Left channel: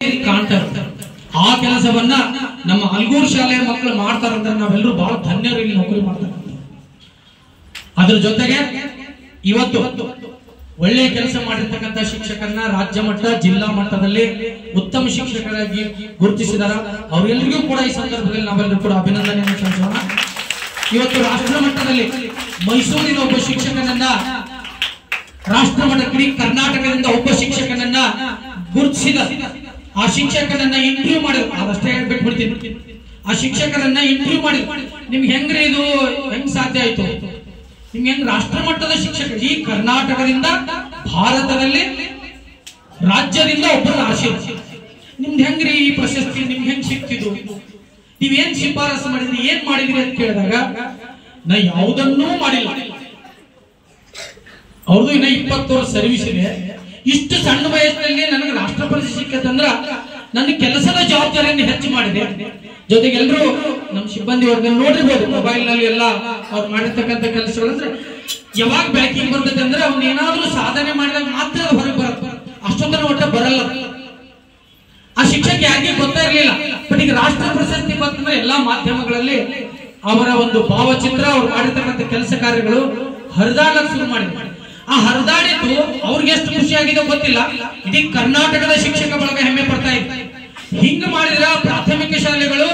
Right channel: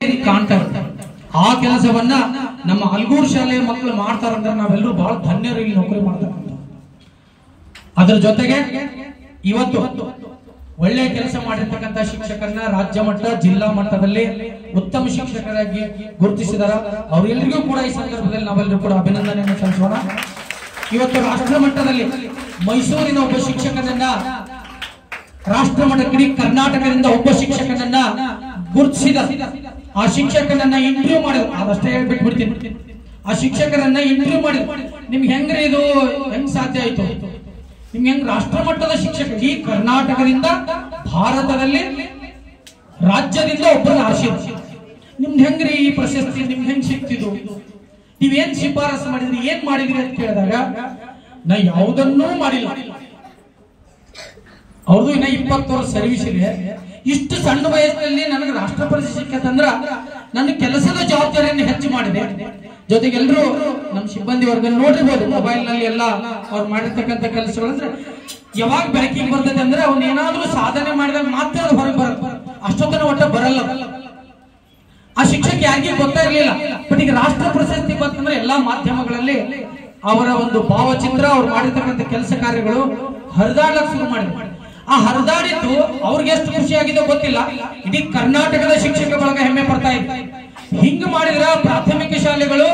ಕಾಣ್ತಾರೆ. ಆ ಕೆಲಸವನ್ನ ನಮ್ಮ ಅಲ್ಗೂರು ಶಾಲೆಯ ಮಕ್ಕಳು ಮಾಡ್ತಾರಂದ್ರೆ ನಾವೆಲ್ಲರೂ ಬಹಳ ಧನ್ಯರು ಇಲ್ಲಿ ನೌಕರಿ ಮಾಡ್ತಾರೆ. ಅದ್ರ ಜೊತೆಗೆ ಇವತ್ತು ಒಳ್ಳೆ ಕೆಲಸ ಮಾಡಿರ್ತಕ್ಕಂಥ ಶಿಕ್ಷಕರನ್ನ ರಾಜ್ಯ ಮಟ್ಟ ಜಿಲ್ಲಾ ಮಟ್ಟದಲ್ಲಿ ಉತ್ತಮ ಶಿಕ್ಷಕರಾಗಿ ಗುರುತಿಸಿದಾರ. ಅವರೆಲ್ಲರಿಗೂ ಕೂಡ ಈ ಸಂದರ್ಭದಲ್ಲಿ ನಾವೆಲ್ಲರೂ ಕೂಡ ಅಭಿನಂದನೆಯನ್ನು ಸಲ್ಲಿಸೋಣ. ಇವತ್ತು ರಾಷ್ಟ್ರ ಮಟ್ಟದಲ್ಲಿ ಮೈಸೂರಿನ ಒಬ್ಬ ಶಿಕ್ಷಕನನ್ನ, ರಾಷ್ಟ್ರ ಮಟ್ಟದಲ್ಲಿ ಕರ್ನಾಟಕದಿಂದ ಒಬ್ಬ ಶಿಕ್ಷಕನನ್ನ ಗುರುತಿಸಿದ. ಆ ಶಿಕ್ಷಕನನ್ನ ಇಂಟರ್ವ್ಯೂ ಮಾಡಿದ್ರು. ಅದಷ್ಟೇ ಹೇಳ್ಬಿಟ್ಬಿಡ್ತೀನಿ. ಆ ಶಿಕ್ಷಕರನ್ನ ಇಂಟರ್ವ್ಯೂ ಮಾಡಿದ್ರು. ನಿಮ್ಗೆ ಹೆಂಗ್ರಿ ಇದು ಹೆಂಗ್ ಸಾಧ್ಯ ಆಯ್ತು? ನಿಮ್ಗೆ ಹೆಂಗ್ ರಾಷ್ಟ್ರ ಮಟ್ಟದ ಶಿಕ್ಷಕ, ಈ ಕರ್ನಾಟಕದಿಂದ ಭಾರತದಲ್ಲಿ ರಾಜ್ಯದಿಂದ ಒಬ್ಬರು ಆಶೀರ್ವಾದ, ನಿಮ್ಗೆ ಹೆಂಗ್ರಿ ಈ ಪ್ರಶಸ್ತಿ ನಿಮ್ಗೆ ಹೆಂಗ್ ಸಿಕ್ತಿದ್ದು? ನೀವೇನ್ ಶಿಫಾರಸು ಮಾಡಿದ್ರಿ, ಏನ್ ಮಾಡಿದ್ರಿ ಅಂತ ಕೇಳಿದಾಗ ನಾ ಯಾವುದನ್ನೂ ಮಾಡಿಲ್ಲ. ಅವ್ರದ್ದು ಇನ್ನ 20 ವರ್ಷ ಸರ್ವಿಸ್ ಇದೆ. ಇಷ್ಟು ಸಣ್ಣ ವಯಸ್ಸಿನಲ್ಲಿ ನನಗೆ ರಾಷ್ಟ್ರ ಪ್ರಶಸ್ತಿ ಸಿಕ್ಕಂದ್ರ ನನ್ನ ಕೆಲಸದ ಜವಾಬ್ದಾರಿಯನ್ನು ಹೆಚ್ಚು ಮಾಡಿದೆ. ಜೊತೆಗೆ ಎಲ್ಲರೂ ನಮ್ಮ ಸಿಬ್ಬಂದಿ ವರ್ಗ ನೋಡಿರ್ಬೋದು, ಮೊಬೈಲ್ ನಲ್ಲಿ ಎಲ್ಲ ಅವ್ರು ಮಾಡಿರ್ತಕ್ಕಂಥ ಕೆಲಸಗಳಂದ್ರೆ ಯಾವಾಗ ಬೆಳಕಿಗೆ ಬರ್ತದೆ ಅಂದ್ರೆ ಅವ್ನು ಏನಾದ್ರೂ ಸಾಧನೆ ಮಾಡಿದಾಗ ಮಾತ್ರ ಹೊರಗೆ ಬರುತ್ತೆ. ಅಷ್ಟೊತ್ತನ ಒಟ್ಟ ಬರಲ್ಲ. ಆ ಶಿಕ್ಷಕ ಯಾರಿಗೂ ಗೊತ್ತೇ ಇರಲಿಲ್ಲ. ಬಟ್ ಈಗ ರಾಷ್ಟ್ರ ಪ್ರಶಸ್ತಿ ಬಂತಂದ್ರೆ ಎಲ್ಲಾ ಮಾಧ್ಯಮಗಳಲ್ಲಿ ಅವರ ಒಂದು ಭಾವಚಿತ್ರ, ಅವ್ರು ಮಾಡಿರ್ತಕ್ಕಂಥ ಕೆಲಸ ಕಾರ್ಯಗಳು ಹರಿದಾಡಕ್ಕೆ ಶುರು ಮಾಡಿದ್ರು. ಆ ಹರಿದಾಡಿದ್ದು ಅವ್ರಿಗೆ ಎಷ್ಟು ಖುಷಿಯಾಗಿದೆ ಗೊತ್ತಿಲ್ಲ, ಇಡೀ ಕರ್ನಾಟಕದ ಶಿಕ್ಷಕ ಬಳಗ ಹೆಮ್ಮೆ ಪಡ್ತಾ ಇದೆ. ಹಿಂಗ ಮಾಡಿದ್ರ ಪ್ರಾಥಮಿಕ ಶಾಲೆಗಳು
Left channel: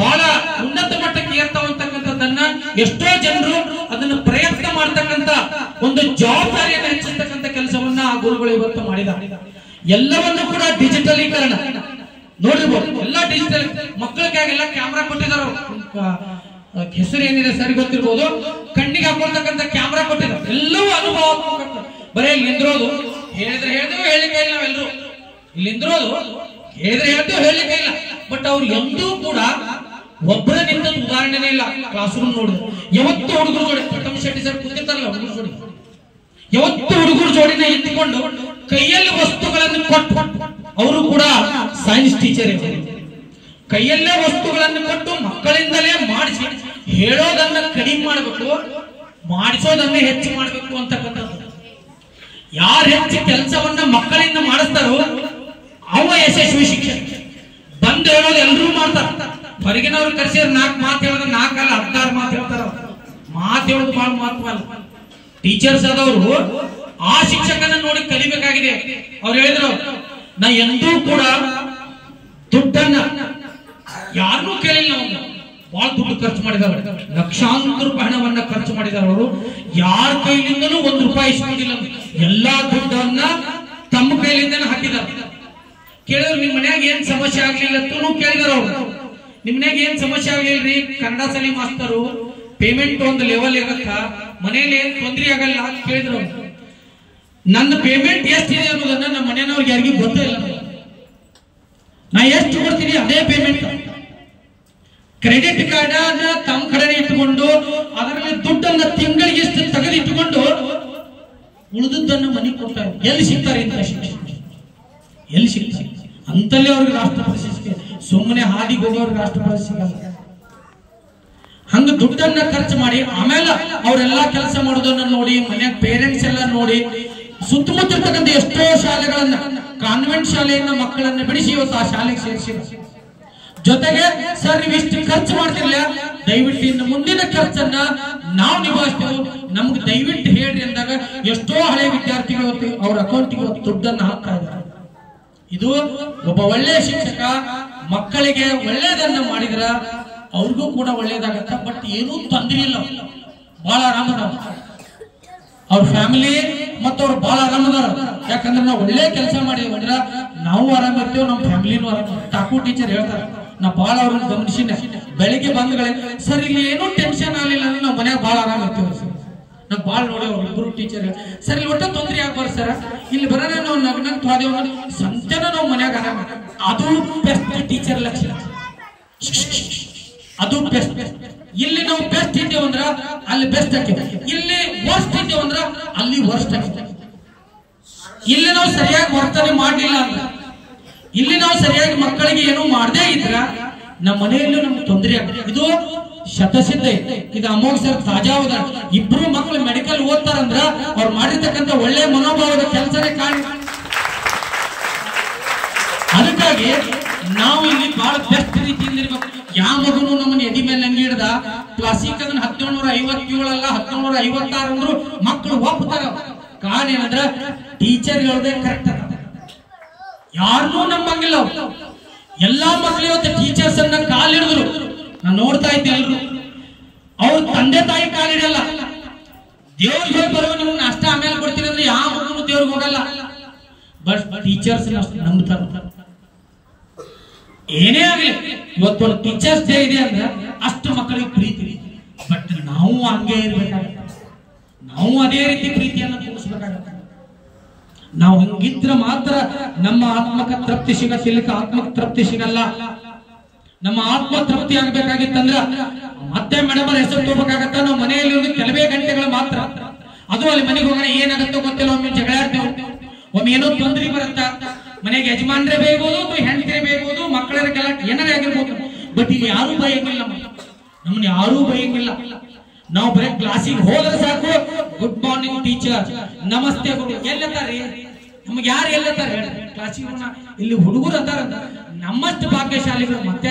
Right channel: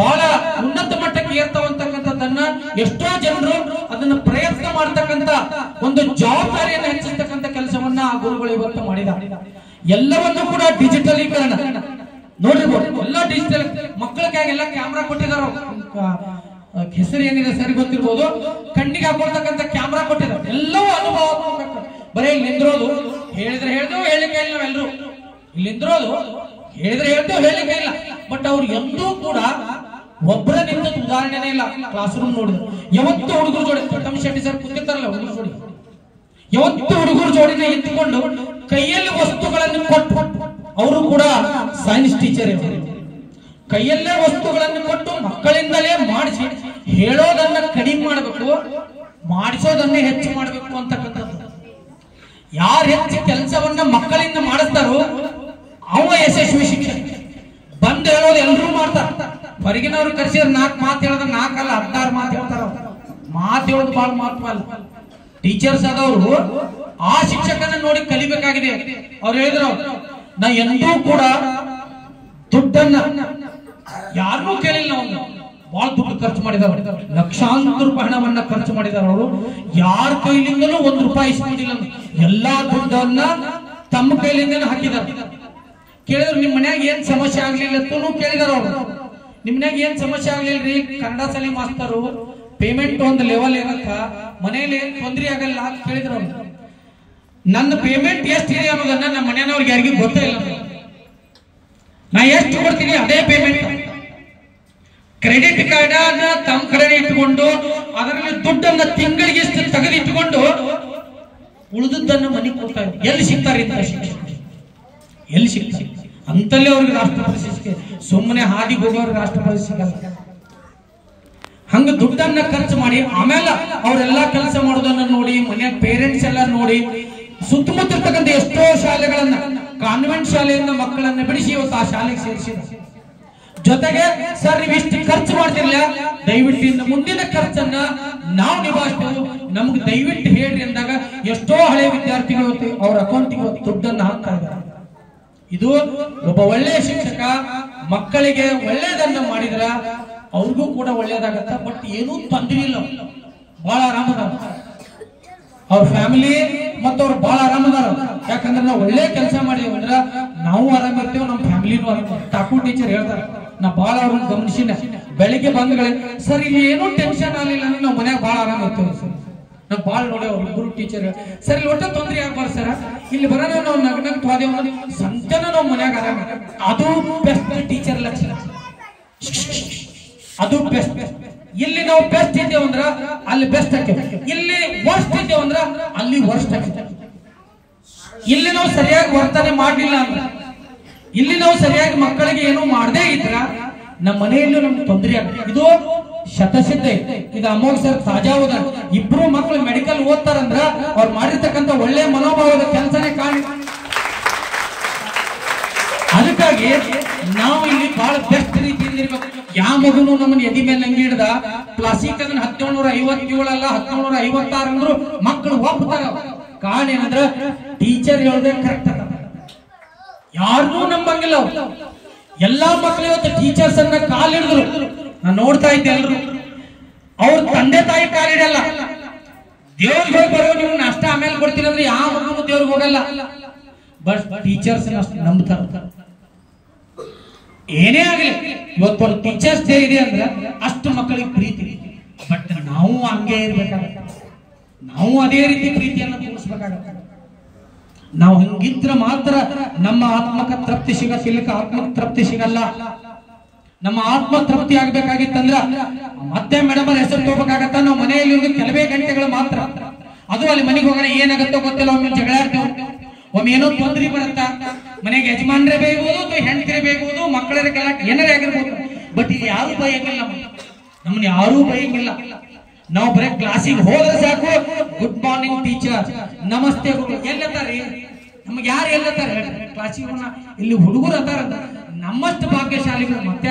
ಬಹಳ ಉನ್ನತ ಮಟ್ಟಕ್ಕೆ ಏರ್ತಾವಂತಕ್ಕಂಥದ್ದನ್ನ ಎಷ್ಟೋ ಜನರು ಅದನ್ನ ಪ್ರಯತ್ನ ಮಾಡ್ತಕ್ಕಂಥ ಒಂದು ಜವಾಬ್ದಾರಿಯನ್ನು ಹೆಚ್ಚಿಸ್ತಕ್ಕಂಥ ಕೆಲಸವನ್ನ ಆ ಗುರುಗಳು ಇವತ್ತು ಮಾಡಿದ್ದಾರೆ. ಎಲ್ಲವನ್ನೂ ಕೂಡ ಡಿಜಿಟಲೀಕರಣ ನೋಡಿರ್ಬೋದು. ಎಲ್ಲ ಡಿಜಿಟಲ್ ಮಕ್ಕಳಿಗಾಗೆಲ್ಲ ಕ್ಯಾಮ್ರಾ ಕೊಟ್ಟಿದ್ದಾರೆ. ಹೆಸರು ಏನಿದೆ ಸರಿ ಗೊತ್ತಿರ್ಬೋದು. ಕಣ್ಣಿಗೆ ಹಾಕೊಳ್ತಕ್ಕಂಥ ಕ್ಯಾಮ್ರಾ ಕೊಟ್ಟಿದ್ದಾರೆ. ಎಲ್ಲವೂ ಅನುಭವ. ಬರೀ ಇಲ್ಲಿ ನಿಂದಿರೋದು, ಹೇಳಿದ್ರೆ ಹೇಳ್ತೇವೆ, ಹೇಳಿಕೆ ಇಲ್ಲ. ನಾವೆಲ್ಲರೂ ಇಲ್ಲಿ ನಿಂದಿರೋದು, ಹೇಳಿದ್ರೆ ಹೇಳ್ತೇವೆ, ಹೇಳಿಕೆ ಇಲ್ಲ. ಬಟ್ ಅವ್ರು ಎಂದೂ ಕೂಡ ಒಬ್ಬರ ನಿಂತ ಉದಾಹರಣೆನೇ ಇಲ್ಲ. ಕ್ಲಾಸ್ ರೂಮ್ ನೋಡಿದ್ರು ಯಾವತ್ತು ಹುಡುಗರು ಜೋಡಿ, ಪ್ರಥಮ ಶೆಟ್ಟಿ ಸರ್ ಕೂತಿರ್ತಾರಲ್ಲ ಹುಡುಗರು ಜೋಡಿ, ಯಾವತ್ತು ಹುಡುಗರು ಜೋಡಿನ ಎತ್ತಿಕೊಂಡು ಕೈಯಲ್ಲಿ ವಸ್ತುಗಳನ್ನು ಕೊಟ್ಟು, ಅವರು ಕೂಡ ಸೈನ್ಸ್ ಟೀಚರ್ ಇದ್ದಾರೆ. ಕೈಯಲ್ಲೇ ವಸ್ತುಗಳನ್ನು ಕೊಟ್ಟು ಮಕ್ಕಳಿಂದಲೇ ಮಾಡಿಸಿ, ಹೇಳೋದನ್ನ ಕಡಿಮೆ ಮಾಡಬೇಕು, ಮಾಡಿಸೋದನ್ನೇ ಹೆಚ್ಚು ಮಾಡಬೇಕು ಅಂತಕ್ಕಂಥದ್ದು. ಯಾರು ಹೆಚ್ಚು ಕೆಲಸವನ್ನ ಮಕ್ಕಳಿಂದ ಮಾಡಿಸ್ತಾರೋ ಅವ ಯಶಸ್ವಿ ಶಿಕ್ಷಕ. ಬಂದು ಹೇಳೋದು ಎಲ್ಲರೂ ಮಾಡ್ತಾರ. ಹೊರಗಿನವ್ರು ಕರೆಸಿದ್ರೆ 4 ಮಾತು ಹೇಳಿದ್ರೆ 4 ಅಲ್ಲ 16 ಮಾತು ಹೇಳ್ತಾರ. ಮಾತು ಹೇಳೋದು ಬಹಳ ಮಹತ್ವ ಅಲ್ಲ. ಟೀಚರ್ಸ್ ಆದವರು ಆ ಶಿಕ್ಷಕನ ನೋಡಿ ಕಲಿಬೇಕಾಗಿದೆ. ಅವ್ರು ಹೇಳಿದ್ರು, ನಾ ಎಂದೂ ಕೂಡ ದುಡ್ಡನ್ನ ಯಾರನ್ನೂ ಕೇಳಿಲ್ಲ. ಒಂದು ಬಹಳ ದುಡ್ಡು ಖರ್ಚು ಮಾಡಿದವರು, ಲಕ್ಷಾಂತರ ರೂಪಾಯಿ ಹಣವನ್ನ ಖರ್ಚು ಮಾಡಿದಾರೆ. ಅವರು ಯಾರ ಕೈಲಿಂದಲೂ 1 ರೂಪಾಯಿ ಇಸ್ಕೊಂಡಿಲ್ಲ. ಎಲ್ಲಾ ದುಡ್ಡನ್ನ ತಮ್ಮ ಕೈಲಿಂದ ಹಾಕಿದ್ದಾರೆ. ಕೇಳಿದ್ರು, ನಿಮ್ ಮನ್ಯಾಗ ಏನ್ ಸಮಸ್ಯೆ ಆಗ್ಲಿಲ್ಲ ಅಂತೂ ಕೇಳಿದಾರ. ಅವ್ರು, ನಿಮ್ ಮನ್ಯಾಗ ಏನ್ ಸಮಸ್ಯೆ ಆಗ್ಲಿಲ್ರಿ? ಕನ್ನಡ ಶಾಲೆ ಮಾಸ್ತರು ಪೇಮೆಂಟ್ ಒಂದು ಲೆವೆಲ್ ಇರತ್ತ, ಮನೆಯಲ್ಲಿ ಏನ್ ತೊಂದರೆ ಆಗಲ್ಲ ಅಂತ ಕೇಳಿದ್ರು. ಅವ್ರು, ನನ್ನ ಪೇಮೆಂಟ್ ಎಷ್ಟಿದೆ ಅನ್ನೋದನ್ನ ನಮ್ಮ ಮನೆಯವ್ರಿಗೆ ಯಾರಿಗೂ ಗೊತ್ತೇ ಇಲ್ಲ. ನಾ ಎಷ್ಟು ಕೊಡ್ತೀನಿ ಅದೇ ಪೇಮೆಂಟ್. ಕ್ರೆಡಿಟ್ ಕಾರ್ಡ್ ಅನ್ನ ತಮ್ಮ ಕಡೆ ಇಟ್ಟುಕೊಂಡು ಅದರಲ್ಲಿ ದುಡ್ಡನ್ನ ತಿಂಗಳಿಗೆ ಎಷ್ಟು ತೆಗೆದಿಟ್ಟುಕೊಂಡು ಉಳಿದದ್ದನ್ನು ಮನೆಗೆ ಕೊಡ್ತಾರೆ. ಎಲ್ಲಿ ಸಿಗ್ತಾರೆ ಇಂಥ ಶಿಕ್ಷಕ? ಎಲ್ಲಿ ಸಿಗ್ತಾರೆ? ಅಂತಲ್ಲೇ ಅವ್ರಿಗೆ ರಾಷ್ಟ್ರ ಪ್ರಶಸ್ತಿ. ಸುಮ್ಮನೆ ಹಾದಿ ಹೋಗೋರಿಗೆ ರಾಷ್ಟ್ರ ಪ್ರಶಸ್ತಿ ಸಿಗಲ್ಲ. ಹಂಗ ದುಡ್ಡನ್ನ ಖರ್ಚು ಮಾಡಿ ಆಮೇಲೆ ಅವರೆಲ್ಲಾ ಕೆಲಸ ಮಾಡೋದನ್ನ ನೋಡಿ, ಮನೆ ಪೇರೆಂಟ್ಸ್ ಎಲ್ಲ ನೋಡಿ, ಸುತ್ತಮುತ್ತ ಇರ್ತಕ್ಕಂಥ ಎಷ್ಟೋ ಶಾಲೆಗಳನ್ನ, ಕಾನ್ವೆಂಟ್ ಶಾಲೆಯಿಂದ ಮಕ್ಕಳನ್ನ ಬಿಡಿಸಿ ಇವತ್ತು ಆ ಶಾಲೆಗೆ ಸೇರಿಸಿದ. ಜೊತೆಗೆ ಸರ್ ನೀವು ಇಷ್ಟು ಖರ್ಚು ಮಾಡ್ತಿಲ್ಲ, ದಯವಿಟ್ಟು ಇನ್ನು ಮುಂದಿನ ಖರ್ಚನ್ನ ನಾವು ನಿಭಾಯಿಸ್ತೇವೆ, ನಮ್ಗೆ ದಯವಿಟ್ಟು ಹೇಳ್ರಿ ಅಂದಾಗ ಎಷ್ಟೋ ಹಳೆ ವಿದ್ಯಾರ್ಥಿಗಳು ಅವ್ರ ಅಕೌಂಟಿಗೆ ದುಡ್ಡನ್ನ ಹಾಕ್ತಾ ಇದ್ದಾರೆ. ಇದು ಒಬ್ಬ ಒಳ್ಳೆಯ ಶಿಕ್ಷಕ ಮಕ್ಕಳಿಗೆ ಒಳ್ಳೆಯದನ್ನ ಮಾಡಿದ್ರ ಅವ್ರಿಗೂ ಕೂಡ ಒಳ್ಳೇದಾಗತ್ತ. ಬಟ್ ಏನೂ ತೊಂದರೆ ಇಲ್ಲ, ಬಹಳ ಆರಾಮದಾರ ಅವ್ರ ಫ್ಯಾಮಿಲಿ ಮತ್ತು ಅವ್ರು ಬಹಳ ಆರಾಮದಾರ. ಯಾಕಂದ್ರೆ ನಾವು ಒಳ್ಳೆ ಕೆಲಸ ಮಾಡಿದೇವೆ ಅಂದ್ರೆ ನಾವು ಆರಾಮಿರ್ತೇವೆ, ನಮ್ಮ ಫ್ಯಾಮಿಲಿನೂ ಆರಾಮ. ಠಾಕೂರ್ ಟೀಚರ್ ಹೇಳ್ತಾರೆ, ನಾ ಬಹಳ ಅವ್ರನ್ನ ಗಮನಿಸಿನ. ಬೆಳಿಗ್ಗೆ ಬಂದ್ಗಳೇ ಸರ್ ಇಲ್ಲಿ ಏನೂ ಟೆನ್ಷನ್ ಆಗಲಿಲ್ಲ ಅಂದ್ರೆ ನಾವು ಮನ್ಯಾಗ ಬಹಳ ಆರಾಮ ಇರ್ತೇವೆ ಸರ್. ನಾವು ಬಹಳ ನೋಡಿ ಅವ್ರು ಇಬ್ಬರು ಟೀಚರ್ ಸರ್ ಇಲ್ಲಿ ಒಟ್ಟು ತೊಂದರೆ ಆಗ್ಬಾರ್ದು ಸರ್, ಇಲ್ಲಿ ಬರೋಣ ನಾವು ನಗ್ನಗ್ ಹೋದೇವ ಸಂಜೆನ ನಾವು ಮನ್ಯಾಗ ಆರಾಮ. ಅದು ಬೆಸ್ಟ್ ಟೀಚರ್ ಲಕ್ಷಣ, ಅದು ಬೆಸ್ಟ್. ಇಲ್ಲಿ ನಾವು ಬೆಸ್ಟ್ ಇದ್ದೇವೆ ಅಂದ್ರ ಅಲ್ಲಿ ಬೆಸ್ಟ್ ಹಾಕೇವೆ, ಇಲ್ಲಿ ವರ್ಸ್ಟ್ ಇದ್ದೇವೆ ಅಂದ್ರ ಅಲ್ಲಿ ವರ್ಸ್ಟ್ ಹಾಕೇವೆ. ಇಲ್ಲಿ ನಾವು ಸರಿಯಾಗಿ ವರ್ತನೆ ಮಾಡಲಿಲ್ಲ ಅಂದ್ರ, ಇಲ್ಲಿ ನಾವು ಸರಿಯಾಗಿ ಮಕ್ಕಳಿಗೆ ಏನು ಮಾಡದೇ ಇದ್ರ ನಮ್ಮ ಮನೆಯಲ್ಲೂ ನಮ್ಗೆ ತೊಂದರೆ ಆಗುತ್ತೆ. ಇದು ಶತಸಿದ್ಧ. ಇದು ಅಮೋಘ ಸರ್ ತಾಜಾ ಹೋದ. ಇಬ್ರು ಮಕ್ಕಳು ಮೆಡಿಕಲ್ ಓದ್ತಾರಂದ್ರ ಅವ್ರು ಮಾಡಿರ್ತಕ್ಕಂಥ ಒಳ್ಳೆ ಮನೋಭಾವದ ಕೆಲಸನೇ ಕಾರಣ. ಅದಕ್ಕೆ ಅದಕ್ಕಾಗಿ ನಾವು ಇಲ್ಲಿ ಬಹಳ ಬೆಸ್ಟ್ ರೀತಿಯಿಂದ ಇರ್ಬೇಕು. ಯಾವ ಮಗುನು ನಮ್ಮನ್ನ ಎದಿ ಮೇಲೆ ಹಂಗೆ ಹಿಡ್ದ ಕ್ಲಾಸಿಕ್ ಅದನ್ನ 1757 ಅಲ್ಲ 1756 ಅಂದ್ರು ಮಕ್ಕಳು ಒಪ್ಪುತ್ತಾರ. ಕಾರಣ ಏನಂದ್ರ ಟೀಚರ್ ಹೇಳೋದೇ ಕರೆಕ್ಟ್ ಅದ. ಯಾರನ್ನೂ ನಂಬಂಗಿಲ್ಲ. ಎಲ್ಲಾ ಮಕ್ಕಳು ಇವತ್ತು ಟೀಚರ್ಸ್ ಅನ್ನ ಕಾಲ್ ಹಿಡಿದ್ರು. ನಾನು ನೋಡ್ತಾ ಇದ್ದೆ ಎಲ್ರು ಅವ್ರ ತಂದೆ ತಾಯಿ ಕಾಲ್ ಹಿಡಿಯಲ್ಲ. ದೇವ್ರಿಗೆ ಹೋಗಿ ಬರೋ ನೀವು ನಾಷ್ಟ ಆಮೇಲೆ ಕೊಡ್ತೀನಿ ಅಂದ್ರೆ ಯಾವ ಮಗನು ದೇವ್ರಿಗೆ ಹೋಗಲ್ಲ. ಬಟ್ ಟೀಚರ್ಸ್ ನಂಬ್ತಾರ. ಏನೇ ಆಗಲಿ ಇವತ್ತು ಟೀಚರ್ಸ್ ಡೇ ಇದೆ ಅಂದ್ರೆ ಅಷ್ಟು ಮಕ್ಕಳಿಗೆ ಪ್ರೀತಿ. ಬಟ್ ನಾವು ಹಂಗೆ ಇರ್ಬೇಕಾಗತ್ತೆ. ನಾವು ಅದೇ ರೀತಿ ಪ್ರೀತಿಯನ್ನು ತೋರಿಸ್ಬೇಕಾಗತ್ತೆ. ನಾವು ಹಂಗಿದ್ರೆ ಮಾತ್ರ ನಮ್ಮ ಆತ್ಮಕ ತೃಪ್ತಿ ಸಿಗಲಿಕ್ಕೆ ಆತ್ಮಕ ತೃಪ್ತಿ ಸಿಗಲ್ಲ. ನಮ್ಮ ಆತ್ಮ ತೃಪ್ತಿ ಆಗ್ಬೇಕಾಗಿತ್ತಂದ್ರ ಮತ್ತೆ ಮೇಡಮ್ ಹೆಸರು ತಗೋಬೇಕಾಗತ್ತ. ನಾವು ಮನೆಯಲ್ಲಿ ಕೆಲವೇ ಗಂಟೆಗಳು ಮಾತ್ರ. ಅದು ಅಲ್ಲಿ ಮನೆಗೆ ಹೋಗೋಣ ಏನಾಗತ್ತೋ ಗೊತ್ತಿಲ್ಲ. ಒಮ್ಮೆ ಜಗಳ ಆಡ್ತೇವೆ, ಒಮ್ಮೆ ಏನೋ ತೊಂದರೆ ಬರುತ್ತಾ. ಮನೆಗೆ ಯಜಮಾನ್ರೆ ಬೇಯ್ಬೋದು ಅಥವಾ ಹೆಂಡತಿರೇ ಬೇಯ್ಬೋದು, ಮಕ್ಕಳರ ಗಲಾಟೆ ಏನಾರೇ ಆಗಿರ್ಬೋದು. ಬಟ್ ಇಲ್ಲಿ ಯಾರೂ ಬೈಯಂಗಿಲ್ಲ. ನಮ್ಮನ್ನ ಯಾರೂ ಬೈಯಂಗಿಲ್ಲ. ನಾವು ಬರೀ ಕ್ಲಾಸಿಗೆ ಹೋದ್ರೆ ಸಾಕು, ಗುಡ್ ಮಾರ್ನಿಂಗ್ ಟೀಚರ್, ನಮಸ್ತೆ ಗುರು. ಎಲ್ಲತ್ತಾರಿ ನಮ್ಗೆ ಯಾರು ಎಲ್ಲತ್ತಾರೆ ಕ್ಲಾಸಿಗೆ ಹೋಗೋಣ. ಇಲ್ಲಿ ಹುಡುಗರು ಅಂತಾರ, ನಮ್ಮಷ್ಟು ಭಾಗ್ಯಶಾಲಿಗಳು ಮತ್ತೆ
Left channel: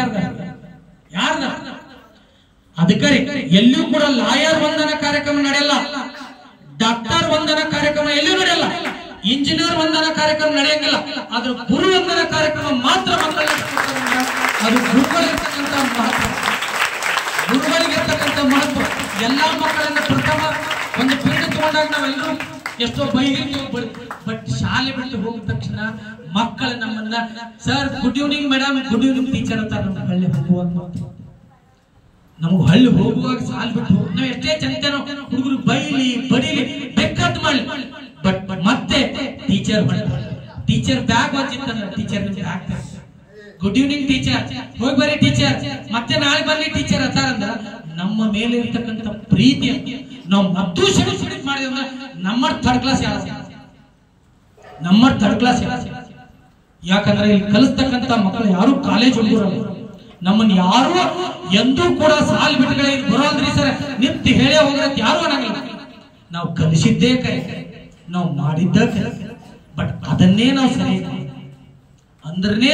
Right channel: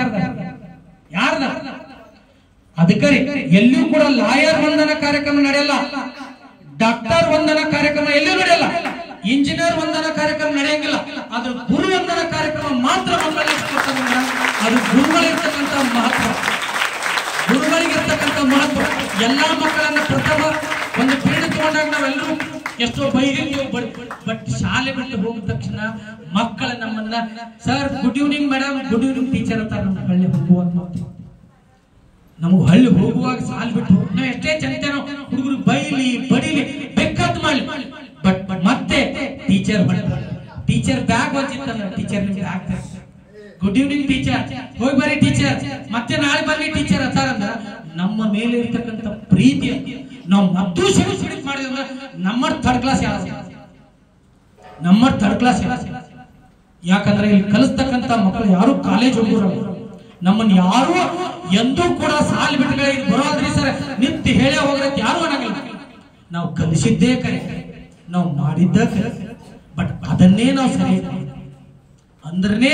ಯಾರ್ದ? ಅದಕ್ಕೆ ಎಲ್ಲಿಯೂ ಕೂಡ ಲಾಯರ್ ವಂದನ ಕಾರ್ಯಕ್ರಮ ನಡೆಯಲ್ಲ, ಡಾಕ್ಟರ್ ವಂದನ ಕಾರ್ಯಕ್ರಮ ಎಲ್ಲಿಯೂ ನಡೆಯಲ್ಲ, ಇಂಜಿನಿಯರ್ ವಂದನ ಕಾರ್ಯಕ್ರಮ ನಡೆಯಂಗಿಲ್ಲ. ಆದ್ರೆ ಗುರು ವಂದನ ಕಾರ್ಯಕ್ರಮ ಮಾತ್ರ ಮಕ್ಕಳಿಗೆ ಅದು ಗುರುಗಳಿರ್ತಕ್ಕಂಥ ಮಹತ್ವ. ಗುರುಗಳಿಗಿರ್ತಕ್ಕಂಥ ಮಹತ್ವ. ಎಲ್ಲಾ ಮಕ್ಕಳನ್ನ ಪ್ರಥಮ ಒಂದು ಪೀಠ ತಗೊಂಡಾಗ ನಾವೆಲ್ಲರೂ ಎಷ್ಟೋ ಬೈದಿದ್ದೀವಿ. ಬಟ್ ಶಾಲೆ ಬಿಟ್ಟು ಹೋಗಿದ ತಕ್ಷಣ ಮಕ್ಕಳ ನಮ್ಮನ್ನ sir good evening madam, good evening teacher ಅಂತ ನಮ್ಗೆ ಹಳ್ಳಿ ಹೋಗುವಾಗ ನಮ್ಗೆ ಹಳ್ಳಿ ಹೋಗುವಾಗ ಸಾಲ್ ಬಿಟ್ಟು ಹೋಗಿ ನಾವು ಎಷ್ಟೇ ಚಂತೇನೋ ಹುಡುಗರು ಬೈಲಿ ಬಡಿಲಿ ಬೇಕಾದ್ ಮಾಡ್ಲಿ. ಬಟ್ ಮತ್ತೆ ಟೀಚರ್ ಟೀಚರ್ ಬ್ಯಾಗ್ ಬಂದಿತ್ತಂದ್ರೆ ಟೀಚರ್ ಆಗ್ತಾರೆ ಗುಡ್ ಈವ್ನಿಂಗ್ ಟೀಚರ್, ಹೋಗಿ ಬರ್ರಿ ಟೀಚರ್, ಮತ್ತೆ ನಾಳೆ ಬರ್ರಿ ಟೀಚರ್ ಅಂತಾರಂದ್ರ ನಮ್ಮ ಮೇಲೆ ಇರ್ತಕ್ಕಂಥ ಪ್ರೀತಿ ನಾವು ಮದ್ದು ಸೆಲೆಕ್ಟ್ ಮಾಡಿದ್ರೆ ನಮ್ಮ ಥರ್ಡ್ ಕ್ಲಾಸ್ ನಮ್ಮ ಥರ್ಡ್ ಕ್ಲಾಸ್. ಯಾಕಂದ್ರೆ ಇಲ್ಲಿ ಕಲಿಸ್ತಕ್ಕಂಥ ಮಕ್ಕಳು ಯಾರು ಕಾಲೇಜ್ ಹೋಗಿರಲ್ಲ. ನಮ್ಮನ್ನು ಯಾರು ಎಂದೂ ಕೂಡ ಸಾಲ್ ಬಿಟ್ಟುಗಳ ಇದು ಬರೋದ್ರಿ ಸರ್ ನಿಂತು ಹೇಳೇ ಹೋಗ್ರತ್ ಯಾರು ಅನ್ನಂಗಿಲ್ಲ. ನಾವು ಕಲಿಸಿದ್ದೇ ಕರೆ, ನಾವು ಮಾಡಿದ್ದ ಕರೆ. ಬಟ್ ಅದನ್ನೇ ನಾವು ಸರಿ ಅಂದ್ರೆ